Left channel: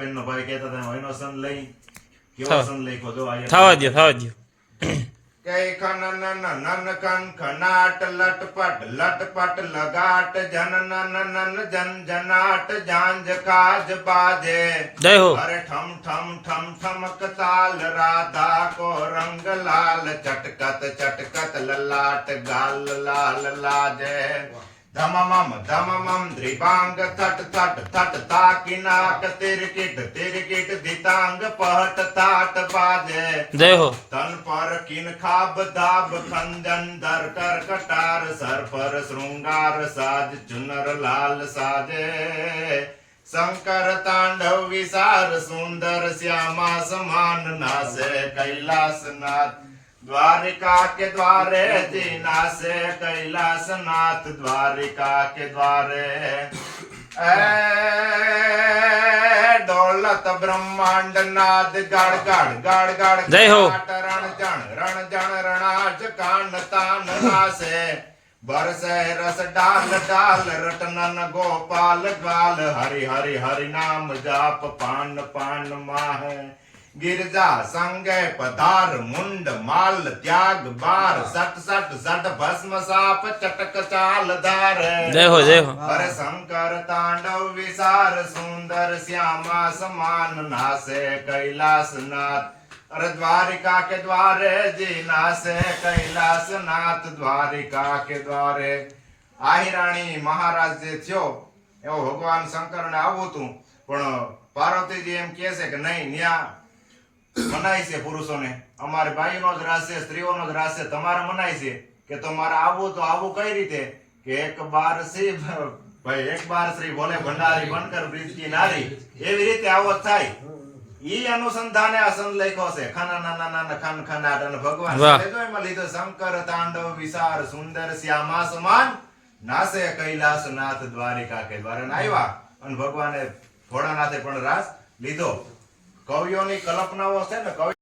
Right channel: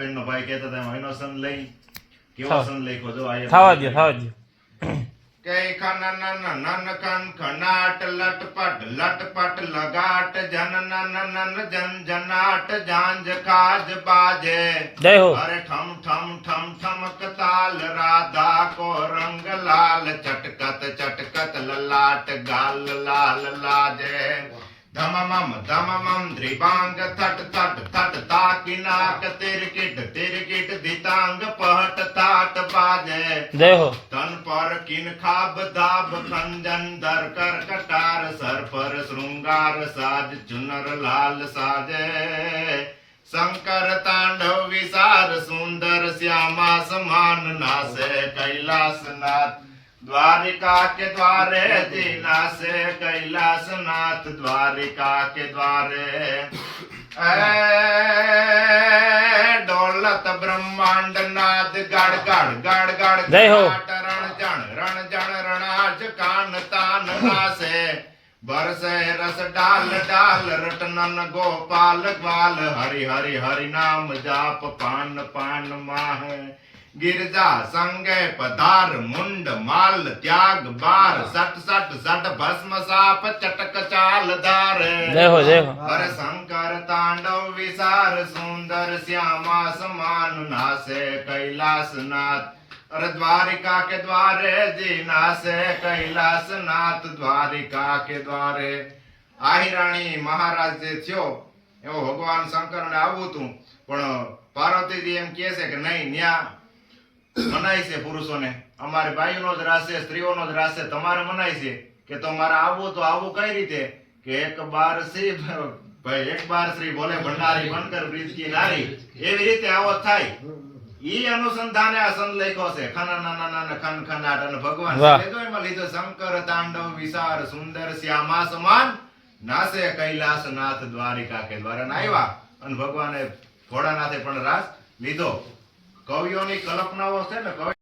બેન નો ભાઈ કહેતા હતા એનો સંત લઈ કેવો સંત લખ્યો જો આ થવા દો કઈ ખન નન કન ખનાટ લટપટ લગાટ જન નન જન જનાટ જાંજ કાજ બાજે જય હો અરે ઠમ ઠમ ઠમ ઠમક તાલ રાધા કો રંગ લાલ ચટકત લલાટ ગાલ લાલ લાજે ધમમમ દ્રિભાંગ થટ તાકિનાક તિરકિટ દિતાંગ પહટ તાટ બાજે જય હો તન પર કિન ખાબ દાબ ખંજન દર કર કટાર સર પર શૃંગાર સાજ ચુનર લાલ સાજે શંકર તાંડવ વિસાર સુંદર શ્યામા સમાન નાસે કૈલાસનાથ द्वारिका के द्वारे जी नासे कैलासनाथ द्वारिका के द्वारे दौलत ब्रह्मांड नाद गाड़ जय हो रण जण रणाज कान तान रासे बरसे रस डाल रटनन गोपाल ग्वाल हरि हरि हरि नाम जाप पान पान माह गिरजा संगे पधार मुंड माल त्याग बार सट भस्म साप चटक चाल धार जय हो हर शंकर तांडव विसार सुंदर श्यामा समान नासे कैलासनाथ अरे द्वारिका के द्वारे जी नासे कैलासनाथ द्वारिका के द्वारे आहिराणी महाराज जे थयो एवो भगवान शंकर ने आवुं तू पण पार्वती जी एम कहे छे के नहीं न्या मनाई से पुरुषों ने अमारे भाईओ ज रास छे स्त्रीओ ज रास छे तमारे मनाई छे के तमारे आवुं तो आवुं कई रीते के एक बार श्री बोले भंडारी बनकर ब्रिज की नारी एवी रीते आवो थाय ई अनुसंधाने आ संत लख्यो छे खन खनाट अने भगवान लेजो एमां लीधो शंकर तांडव विसार सुंदर श्यामा समान नासे कैलासनाथ द्वारिका के द्वारे आव्या अने भगवाने भोळानाथे पण रास लीधो कवियोनी कल्पनाओ छे ने कवि